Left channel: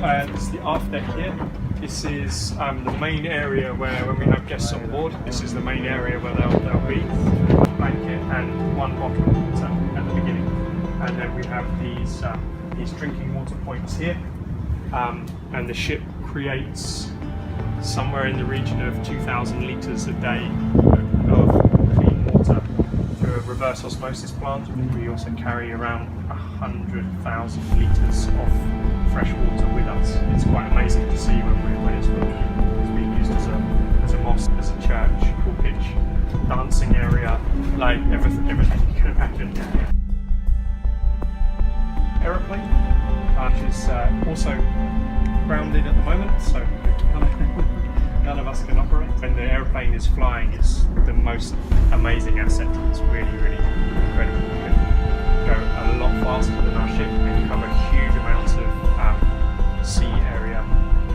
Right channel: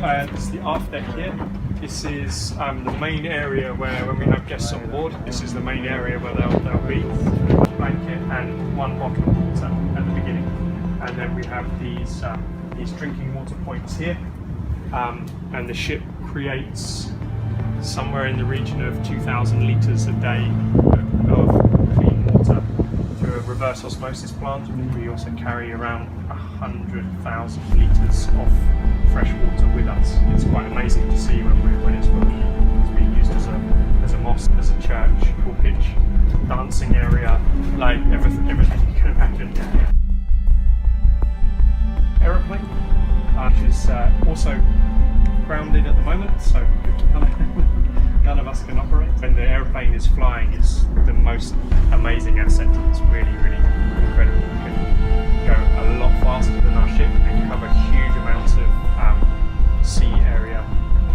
This is the aft deck here. This is the main area where, when we have guests on board, this is the main area where they'll be. One blanket and one bottle of water at the beginning, and then we have these drinking water points here, and the ship creates somewhere in the region of 2,000 litres a day of clean water through a reverse osmosis plant. We also carry around 100,000 litres of fresh water with us. It's quite amazing to see when it's full. It's being used as a mosque, as a church, pulpit, dancing area, like everything you can imagine. Aeroplane, which is also grounded at the moment, so none of us can operate. When the aeroplane is flying, it's the most amazing asset. It's really, really incredible. We can go a lot faster than our ship and cover huge amounts of sea area,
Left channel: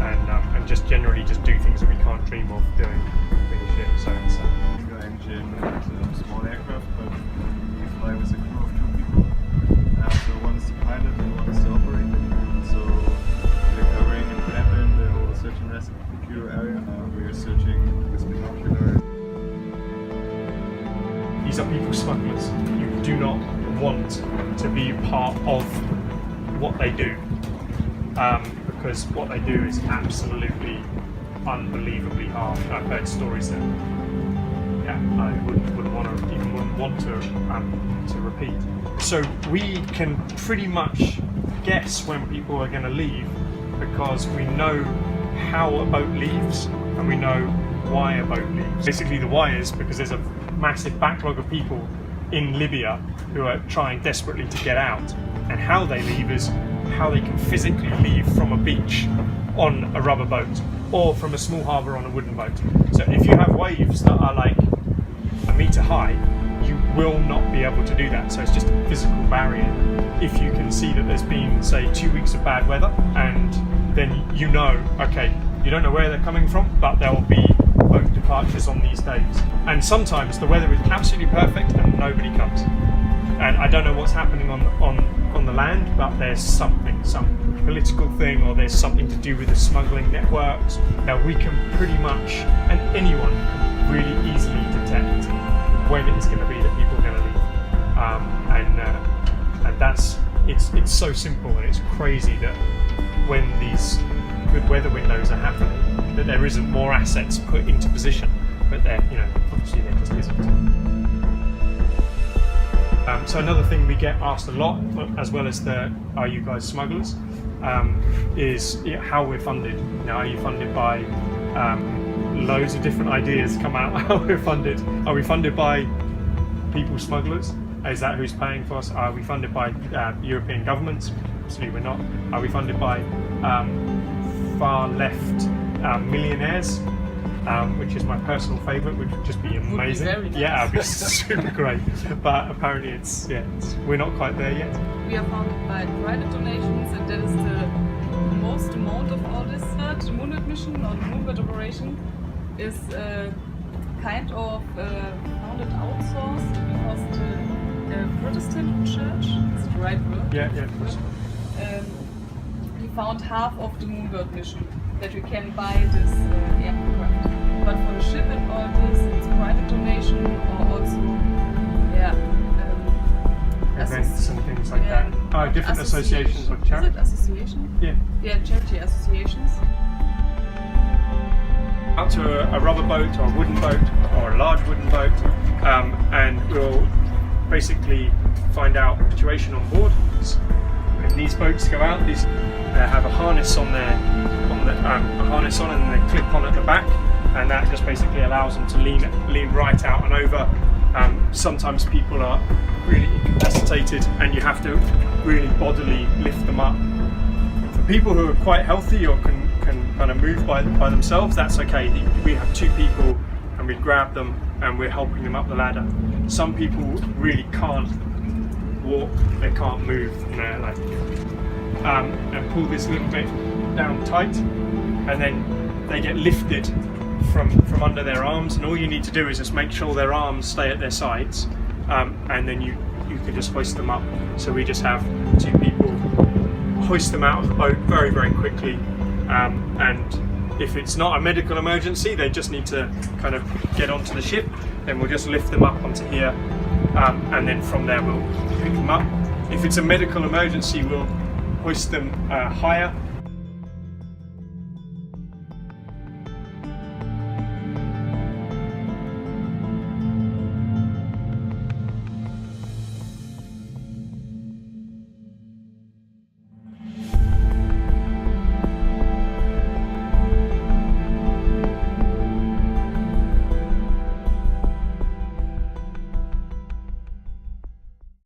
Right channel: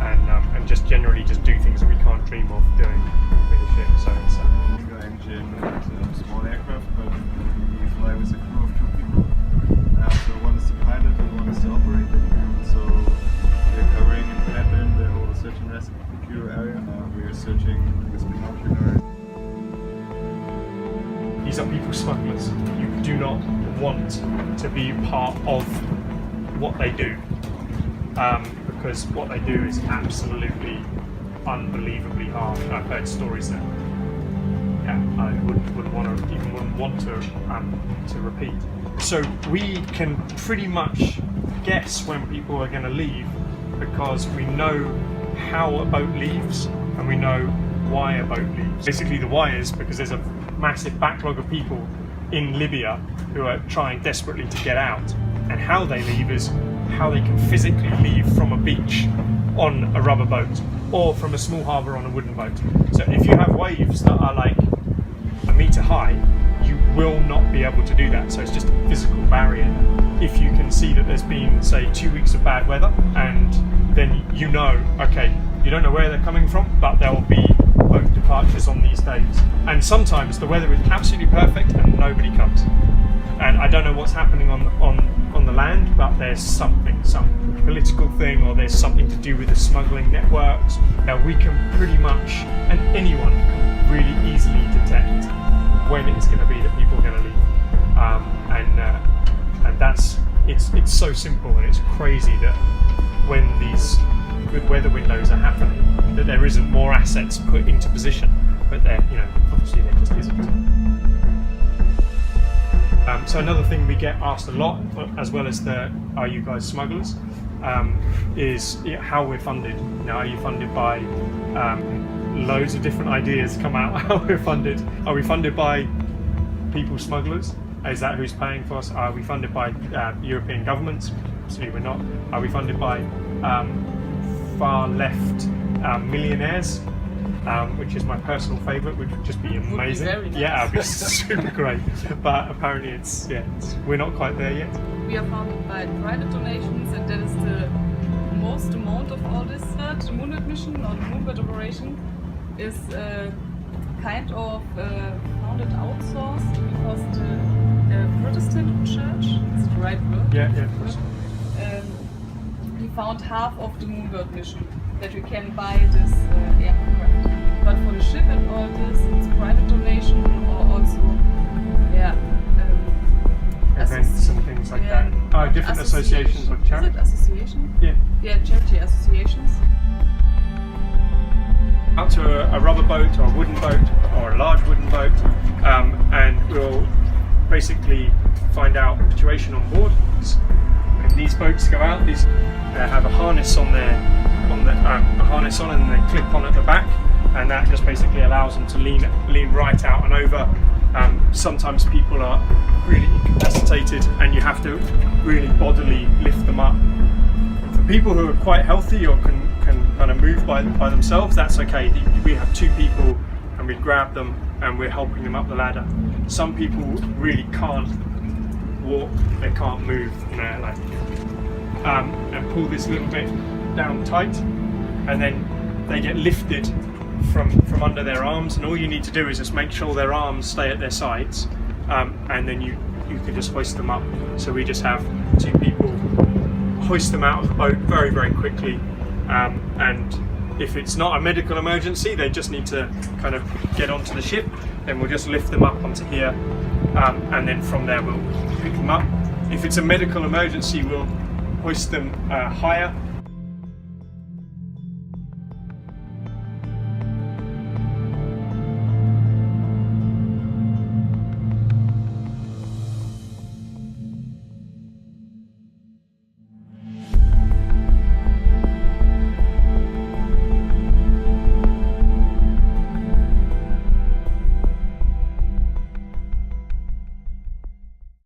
and just generally just do things that we can't dream of doing with the ship. So it's engine and small aircraft, but we fly with a crew of 2 people. So one is the pilot and one is the operator. So we're covering in Migrant the whole search and rescue area. We are searching with binoculars. These are people smugglers. You do not want to be part of what they do, because what they do is absolutely unbelievably hard. I've heard stories that I wouldn't want to repeat. So we can pretty much guess when people are going to leave, because we know how a boat leaves and we know why a boat leaves. Basically the why is because there's a massive backlog of people in Libya who are trying desperately to get out, and how they leave is how they can physically leave from a beach on a rubber boat or from a small harbour on a wooden boat. So if you have waves that are like a metre high, you will not be able to do that. So it's just a physical barrier. If you can see that there's been, say, 2 weeks of bad weather, and then you know, okay, you don't know where they're coming from, but there will be boat departures on these days. And sometimes the weather is absolutely perfect and nobody comes. And I don't know what's happening on the land, but there's some political thing, or there's something to do with the smuggling networks. Now we can pretty much, and anyone can really easily detect when it's going to be that people are going to leave, and that's it's so simple, and it's crazy that when these good weather windows are happening, that there isn't more assets put into position, but there, obviously there just isn't. So another thing we get asked a lot, as well as the "Are you guys smugglers?" Is how we're funded. Now, are you funded by loads of different ideas come out how we're funded? Are we funded by people smugglers? Is that who's paying for us? Are we funded by European governments? Absolutely we're not. Are we funded by far left millionaires? Which is my personal favourite, which would just be amazing. Would be very nice. Yeah, it'd be super great. But apparently we're not quite there yet. We are funded by private donations, and that is the most amount of all this. The Moonlight mission, or the Moonlight operation, is kind of founded outsourced, because the Protestant church, is it the right word? Yeah, of course. We found half of the Moonbird mission, that we can buy this aircraft. But for the ship and all this, it's private donation, or also events and things like that. Oh, different associations of charity. Is it association? Yeah, charity associations. Out to a rubber boat or a wooden boat or a large wooden boat, and we'll basically find out the situation on board. When these boats go out, they have a harness on a harness on, and then they clip on at the back, and that just basically allows them to lean right out and over. Sometimes people are really incapacitated, and you have to really bodily lift them up. For people who are quite healthy or can kind of move by themselves, that's okay. We have 2 people, and we grab them and we're helping them up the ladder. Some people really can't walk, they can't move, and pull this little bit down tight, and then they get lifted from under their arms, and all you need to do is just make sure their arms stay at their sides, and then you can just hoist them up. So we just have 2 people hoist them out of the boat very, very quickly. And if it's not a medical emergency, they just need to kind of get onto the ship, then we'll just lift them up onto here, and then from there we'll pick them up. If it's a medical emergency, we'll hoist them higher